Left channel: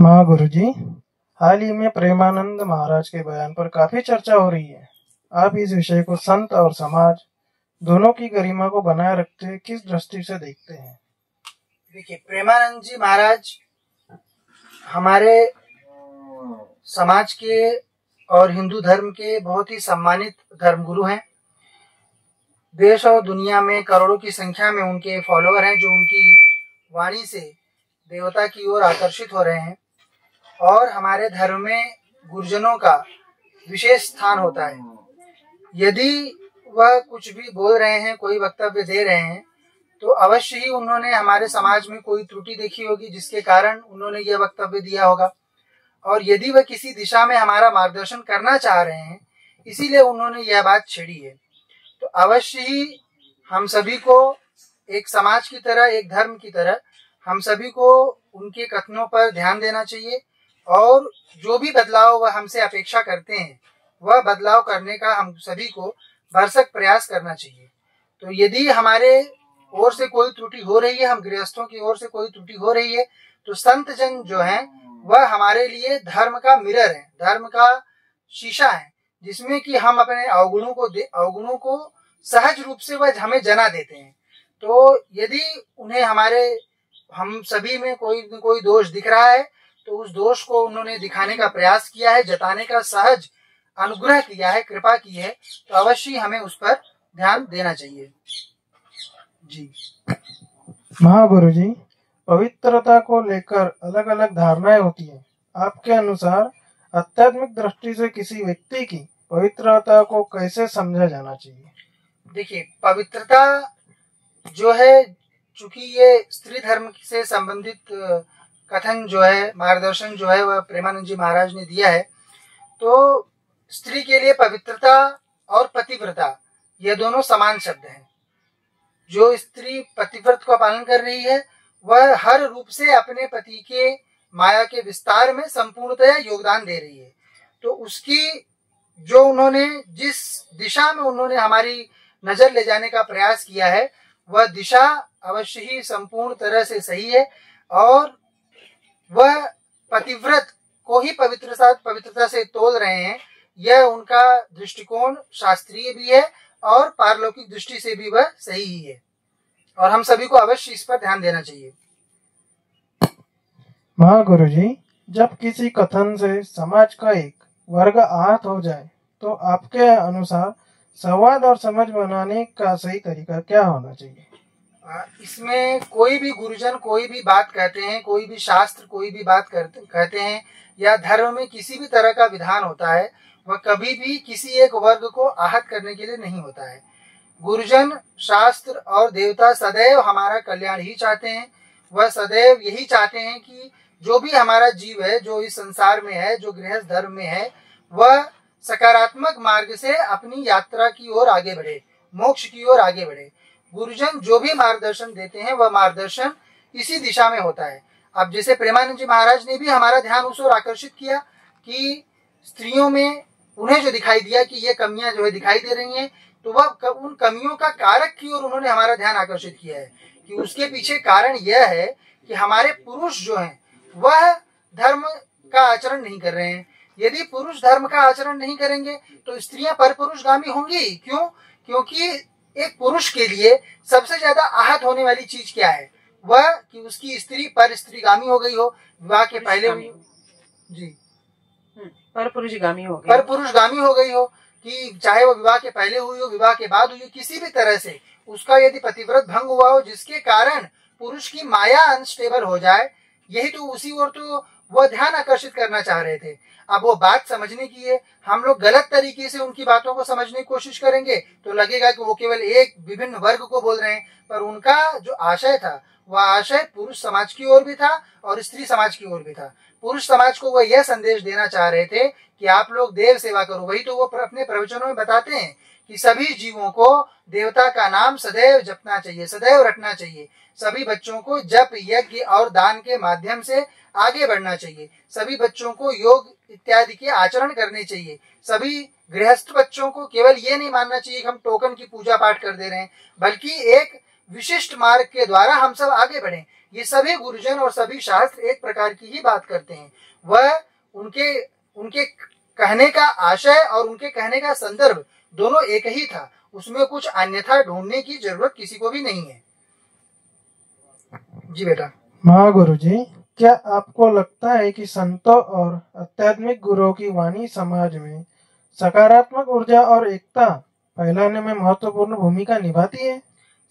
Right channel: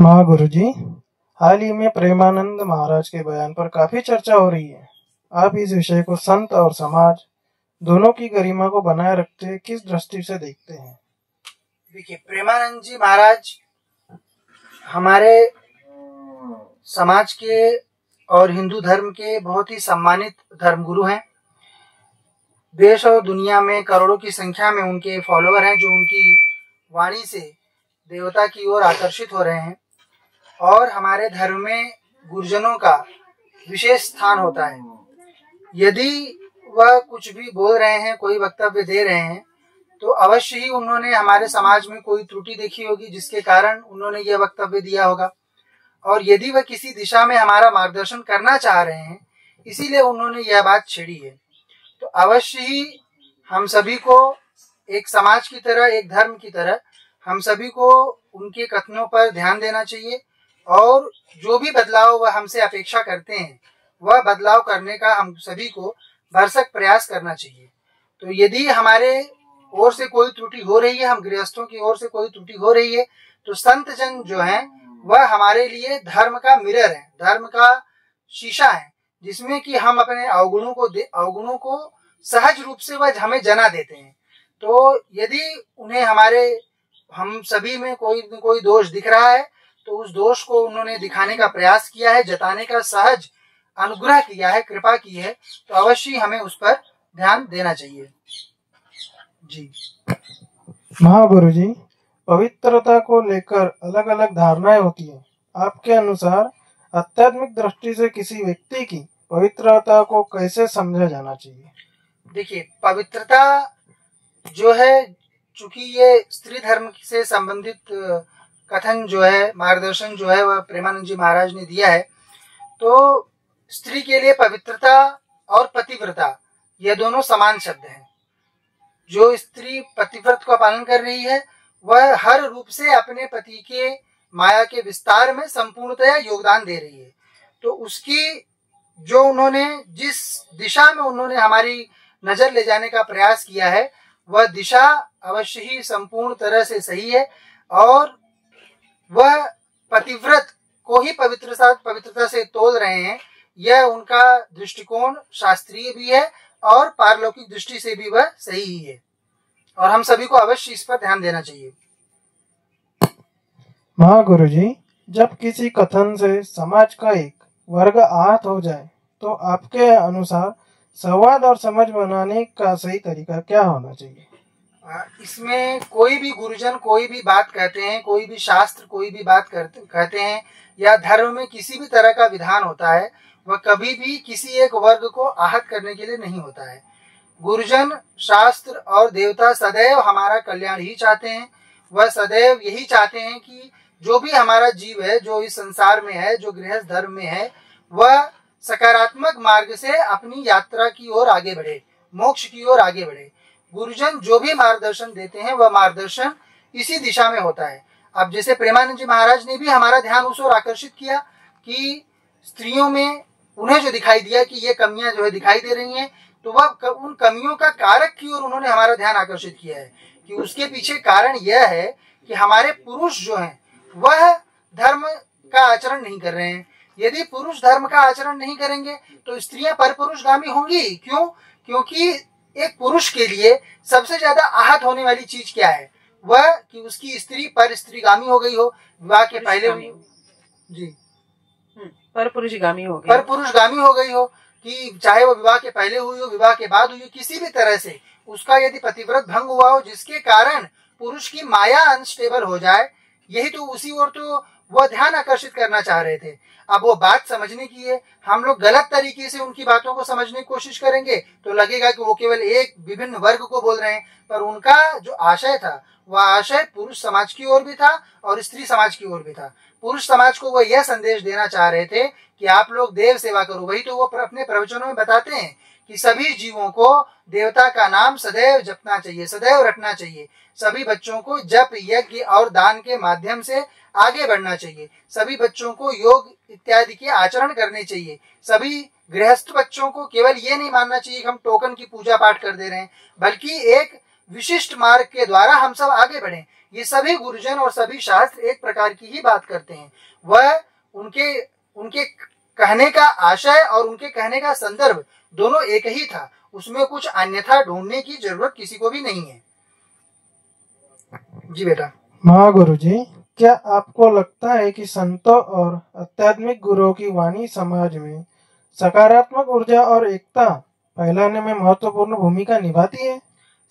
हाँ गुरुजी, हाल ही में प्रेमानंद महाराज के बयान पर काफी चर्चा हो रही है। आप इस विषय को संत और समाज दोनों की गरिमा को बनाए रखते किस दृष्टि से देखते हैं? देखिए, प्रेमानंद जी महाराज हमारे समाज के और हिंदू धर्म के बहुत ही सम्मानित धर्मगुरु हैं। देश और दुनिया में करोड़ों की संख्या में उनके फॉलोअर हैं, जो उनकी वाणी से देवता की ओर आकर्षित हो रहे हैं। और हमारे धर्म में गुरुजनों का विशेष स्थान होता है। यदि वह कुछ भी बोल रहे हैं, कोई वक्तव्य दे रहे हैं, तो अवश्य ही उन्होंने हमारे समाज में कोई त्रुटि देखी होगी, जिसके कारण उन्होंने यह वक्तव्य दिया होगा। और यदि वह किसी दिशा में हमारा मार्गदर्शन करना चाह रहे हैं, इसीलिए उन्होंने यह बात छेड़ी है। तो अवश्य ही हम सभी को एक समाज की तरह, एक धर्म की तरह, हम सभी को उनके कथनों पर ध्यान देना चाहिए और जो भी बदलाव वह हमसे अपेक्षा करते हैं, वह बदलाव करने का हम सभी को भरसक प्रयास करना चाहिए। तो यदि हमारे ओर से कोई त्रुटि हो रही है, हम गृहस्थों की ओर से कोई त्रुटि हो रही है, तो संत जन जो हैं वह हमारे लिए धर्म का मिरर है, धर्म का शीशा है, जिसमें कि हम अपने अवगुणों को सहज रूप से वह हमें जना देते हैं। तो यदि उन्हें हम सभी में कोई दोष दिख रहा है, तो उस दोष को उन्होंने दिखाने का प्रयास किया है, जताने का सहज अनुग्रह किया है, कृपा की है, तो अवश्य हमें उस पर ध्यान देना चाहिए। जी महागुरु जी, पवित्रता को लेकर अलग अलग धारणाएं होती है। आपके अनुसार आध्यात्मिक दृष्टि से किसी व्यक्ति की पवित्रता को कैसे समझा जाना चाहिए? देखिए, पवित्रता जो है, चूंकि ये स्त्री धर्म से संबंधित कथन जो है, मार्गदर्शन जो है, वह प्रेमानंद जी महाराज ने दिया है। तो स्त्री के लिए पवित्रता और पतिव्रता यह दोनों समान शब्द हैं। जो स्त्री पतिव्रत का पालन कर रही है, वह हर रूप से अपने पति के माया के विस्तार में संपूर्णतया योगदान दे रही है। तो उसकी जो उन्होंने जिस दिशा में उन्होंने हमारी नजर ले जाने का प्रयास किया है, वह दिशा अवश्य ही संपूर्ण तरह से सही है और वह पतिव्रत को ही पवित्रता से तोल रहे हैं। यह उनका दृष्टिकोण शास्त्रीय भी है और पारलौकिक दृष्टि से भी वह सही ही है, और हम सभी को अवश्य इस पर ध्यान देना चाहिए। महागुरु जी, जब किसी कथन से समाज का एक वर्ग आहत हो जाए, तो आपके अनुसार संवाद और समझ बनाने का सही तरीका क्या होना चाहिए? इसमें कोई भी गुरुजन कोई भी बात कहते हैं, कोई भी शास्त्र कोई भी बात कहते हैं, या धर्म में किसी भी तरह का विधान होता है, वह कभी भी किसी एक वर्ग को आहत करने के लिए नहीं होता है। गुरुजन, शास्त्र और देवता सदैव हमारा कल्याण ही चाहते हैं। वह सदैव यही चाहते हैं कि जो भी हमारा जीव है, जो इस संसार में है, जो गृहस्थ धर्म में है, वह सकारात्मक मार्ग से अपनी यात्रा की ओर आगे बढ़े, मोक्ष की ओर आगे बढ़े। गुरुजन जो भी मार्गदर्शन देते हैं, वह मार्गदर्शन इसी दिशा में होता है। अब जैसे प्रेमानंद जी महाराज ने भी हमारा ध्यान उस ओर आकर्षित किया कि स्त्रियों में उन्हें जो दिखाई दिया कि ये कमियां जो है दिखाई दे रही हैं, तो वह उन कमियों का कारक की ओर उन्होंने हमारा ध्यान आकर्षित किया है कि उसके पीछे कारण यह है कि हमारे पुरुष जो हैं वह धर्म का आचरण नहीं कर रहे हैं। यदि पुरुष धर्म का आचरण नहीं करेंगे तो स्त्रियां परपुरुषगामी होंगी। क्यों? क्योंकि एक पुरुष के लिए सबसे ज्यादा आहत होने वाली चीज क्या है? वह कि उसकी स्त्री पर स्त्रीगामी हो गई हो, विवाह के पहले हुई हो। जी, परपुरुषगामी हो गई हो, कि चाहे वो विवाह के पहले हुई हो, विवाह के बाद हुई हो, किसी भी तरह से उसका यदि पतिव्रत भंग हुआ हो, जिसके कारण पुरुष की माया अनस्टेबल हो जाए, यही तो उसी ओर तो वह ध्यान आकर्षित करना चाह रहे थे। अब वो बात समझने की है, हम लोग गलत तरीके से उनकी बातों को समझने की कोशिश करेंगे तो लगेगा कि वो केवल एक विभिन्न वर्ग को बोल रहे हैं, पर उनका जो आशय था, वह आशय पुरुष समाज की ओर भी था और स्त्री समाज की ओर भी था। पुरुष समाज को वह यह संदेश देना चाह रहे थे कि आप लोग देव सेवा करो। वही तो वो अपने प्रवचनों में बताते हैं कि सभी जीवों को देवता का नाम सदैव जपना चाहिए, सदैव रटना चाहिए। सभी बच्चों को जप, यज्ञ और दान के माध्यम से आगे बढ़ना चाहिए। सभी बच्चों को योग इत्यादि के आचरण करने चाहिए। सभी गृहस्थ बच्चों को केवल ये नहीं मानना चाहिए कि हम टोकन की पूजा पाठ कर दे रहे हैं, बल्कि एक विशिष्ट मार्ग के द्वारा हम सब आगे बढ़ें। ये सभी गुरुजन और सभी शास्त्र एक प्रकार की ही बात करते हैं। वह उनके उनके कहने का आशय और उनके कहने का संदर्भ दोनों एक ही था, उसमें कुछ अन्यथा ढूंढने की जरूरत किसी को भी नहीं है। जी बेटा। महागुरु जी, क्या आपको लगता है कि संतों और आध्यात्मिक गुरुओं की वाणी समाज में सकारात्मक ऊर्जा और एकता फैलाने में महत्वपूर्ण भूमिका निभाती है?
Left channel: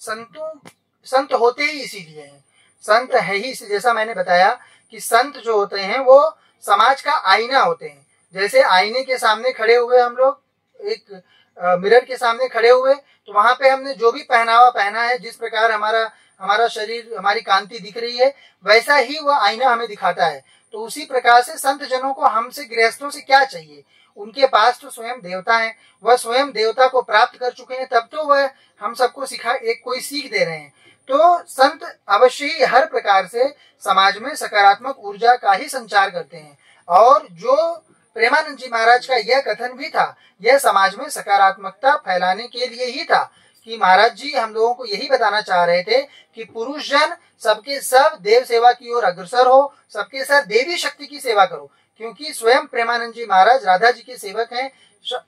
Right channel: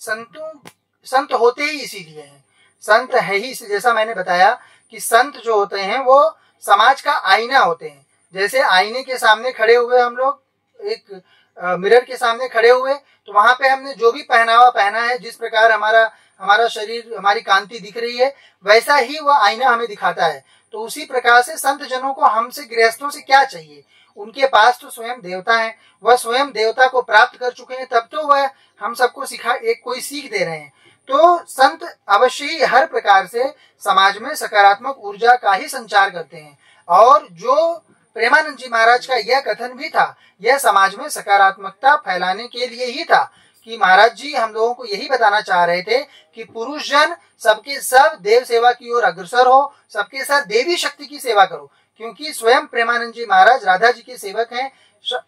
संत होते ही इसीलिए हैं। संत है ही, जैसा मैंने बताया कि संत जो होते हैं वो समाज का आईना होते हैं। जैसे आईने के सामने खड़े हुए हम लोग, एक मिरर के सामने खड़े हुए, तो वहां पे हमने जो भी पहनावा पहना है, जिस प्रकार हमारा शरीर, हमारी कांति दिख रही है, वैसा ही वह आईना हमें दिखाता है। तो उसी प्रकार से संत जनों को हमसे, गृहस्थों से क्या चाहिए? उनके पास तो स्वयं देवता है, वह स्वयं देवता को प्राप्त कर चुके हैं, तब तो वह हम सबको कोई सीख दे रहे हैं। तो संत अवश्य ही हर प्रकार से समाज में सकारात्मक ऊर्जा का ही संचार करते हैं। और जो प्रेमानंद जी महाराज का यह कथन भी था, यह समाज में सकारात्मकता फैलाने के लिए ही था कि महाराज जी हम लोगों को यही बताना चाह रहे थे कि पुरुष जन सबके सब देव सेवा की ओर अग्रसर हो, सबके साथ देवी शक्ति की सेवा करो, क्योंकि स्वयं प्रेमानंद जी महाराज राधा जी के सेवक हैं,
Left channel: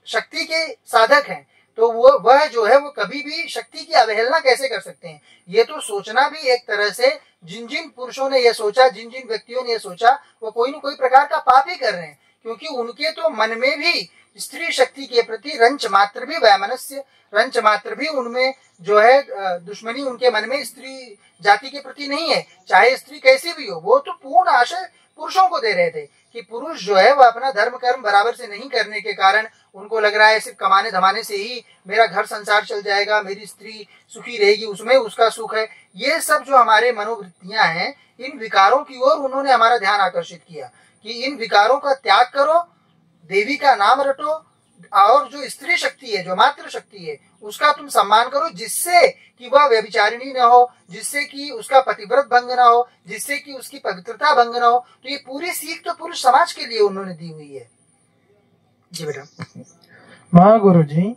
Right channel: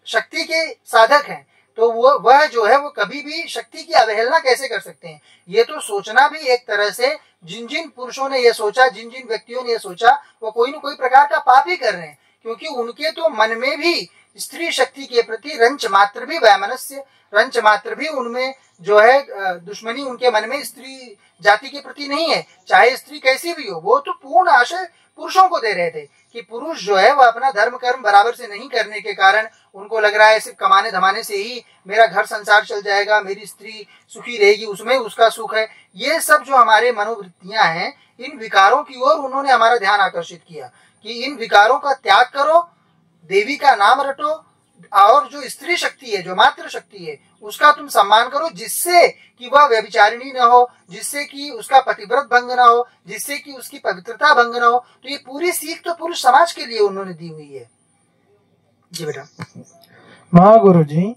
शक्ति के साधक हैं। तो वह जो है वो कभी भी शक्ति की अवहेलना कैसे कर सकते हैं? ये तो सोचना भी एक तरह से, जिन जिन पुरुषों ने ये सोचा, जिन जिन व्यक्तियों ने ये सोचा, वो कोई न कोई प्रकार का पाप ही कर रहे हैं, क्योंकि उनके तो मन में भी स्त्री शक्ति के प्रति रंच मात्र भी वैमनस्य, रंच मात्र भी उनमें जो है दुश्मनी उनके मन में स्त्री जाति के प्रति नहीं है, चाहे स्त्री कैसी भी हो। वो तो पूर्ण आशय पुरुषों को दे रहे थे कि पुरुष जो है वह अपना धर्म कर्म बराबर से नहीं करने के कारण उनको लग रहा है सिर्फ कमाने धमाने से ही मेरा घर संसार चल जाएगा, मेरी स्त्री सुखी रहेगी, उसमें उसका सुख है। ये सब जो हमारे मनोवृत्तियां हैं, इन विकारों की ओर उन्होंने हमारा ध्यान आकर्षित किया कि इन विकारों का त्याग करो, देवी का नाम रटो, और जो स्त्री शक्ति है, जो मातृ शक्ति है, उसका तुम सम्मान करो, जिससे कि वह व्यभिचारिणी न हो, जिससे कि उसका पतिव्रत भंग न हो, जिससे कि उसकी पवित्रता भंग न हो। तो ये पूरी सीख तो पुरुष समाज के लिए उन्होंने दी हुई है। जी बेटा। महागुरु जी,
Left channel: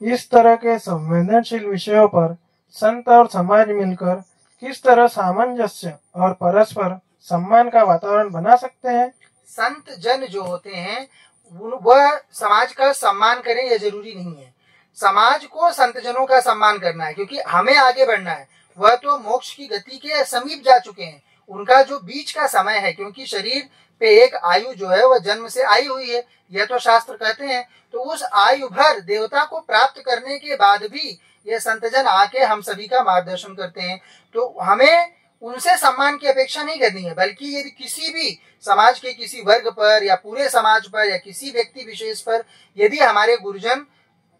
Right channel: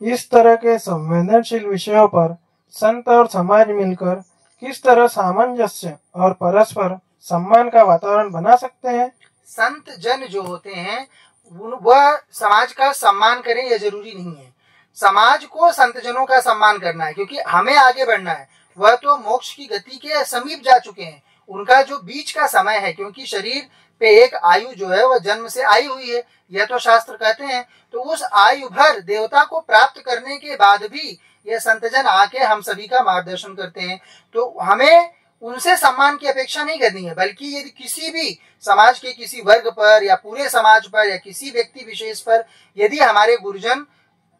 इस तरह के संवेदनशील विषयों पर संत और समाज मिलकर किस तरह सामंजस्य और परस्पर सम्मान का वातावरण बना सकते हैं? संत जन जो होते हैं वह समाज का सम्मान करें, यह जरूरी नहीं है। समाज को संत जनों का सम्मान करना है, क्योंकि हमें आगे बढ़ना है। वह तो मोक्ष की गति के समीप जा चुके हैं। उनका जो बीच का समय है, क्योंकि शरीर पे एक आयु जो है वह जन्म से आई हुई है, यह तो शास्त्र कहते हैं। तो उस आयु भर देवता को प्राप्त करने के बाद भी यह संतजन आके हम सभी का मार्गदर्शन करते हैं। तो हमें उनसे सम्मान की अपेक्षा नहीं करनी है, बल्कि यदि किसी भी समाज के किसी वर्ग पर या पूरे समाज पर या किसी व्यक्ति विशेष पर यदि हमारे गुरुजन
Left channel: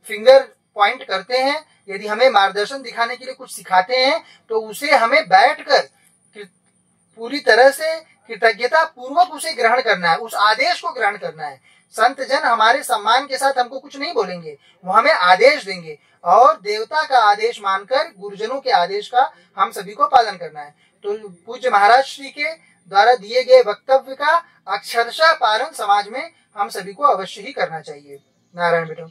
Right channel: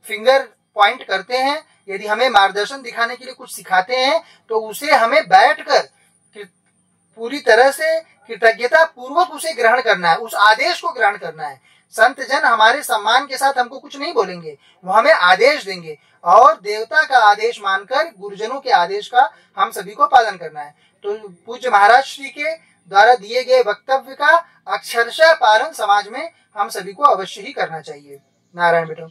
फिंगर पॉइंट करते हैं, यदि हमें मार्गदर्शन दिखाने के लिए कुछ सिखाते हैं, तो उसे हमें बैठकर पूरी तरह से कृतज्ञता पूर्वक उसे ग्रहण करना है, उस आदेश को ग्रहण करना है। संत जन हमारे सम्मान के साथ हमको कुछ नहीं बोलेंगे, वो हमें आदेश देंगे, और देवता का आदेश मानकर गुरुजनों के आदेश का हम सभी को पालन करना है। तो पूज्य महाराज श्री के द्वारा दिए गए वक्तव्य का अक्षरशः पालन समाज में हम सभी को अवश्य ही करना चाहिए। नारायण बेटा।